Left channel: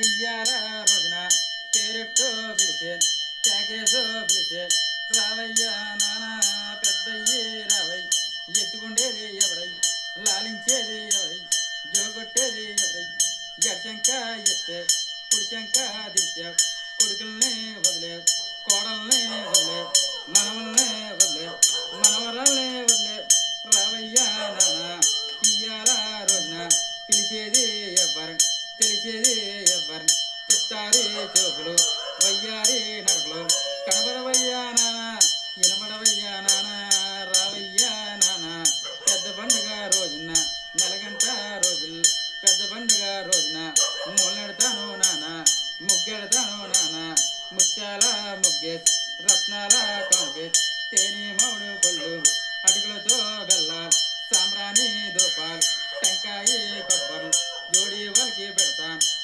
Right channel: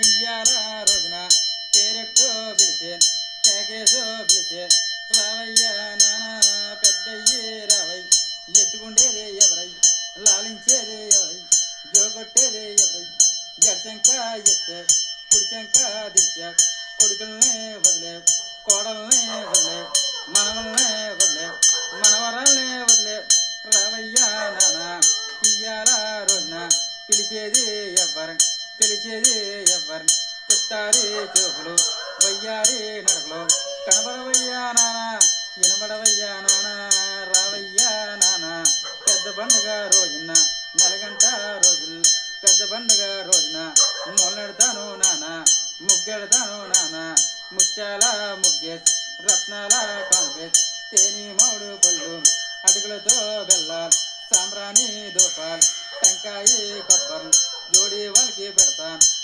புயரா ரோzna تیرట புலছে টেগসো புலছে রাவையா নানা పెద్ద เย রাবৈ エット conde ఎవరై లాలించేదే ఎబై జోబట్టేదే ఎబై యచంకాయెత్త कुलकर्णी কাঁదియా कुलकर्णी বদলে কোড়ল বদলে ಮನমনে বদলে మనవరాలే বদলে রাவையா নানা புயரா ரோzna tilchede ఎబర தெளிச்சது எவன் தொட்டாரே சோகுலோ வையாரே நகலோ கணவன் வையா நானா இனமட வையா நானா ராவையா நானா பெத்த பண்டுகா ரோஜுனா நலகண்டா ரோஜில் பெத்த பண்டுகா ரோஜுனா முன்னெடுத்தானோ நானா முக்கெடுத்தானோ நானா முச்சாலா முக்கே ரத்னாலா கணக்கே தேனி மவுடு கொல்லு அடுக்கலத்தோ பெல்லால் சாம்பிராணி தோப்பால் டெங்காயி கப்பல் ஜோடி வாழ்க்கை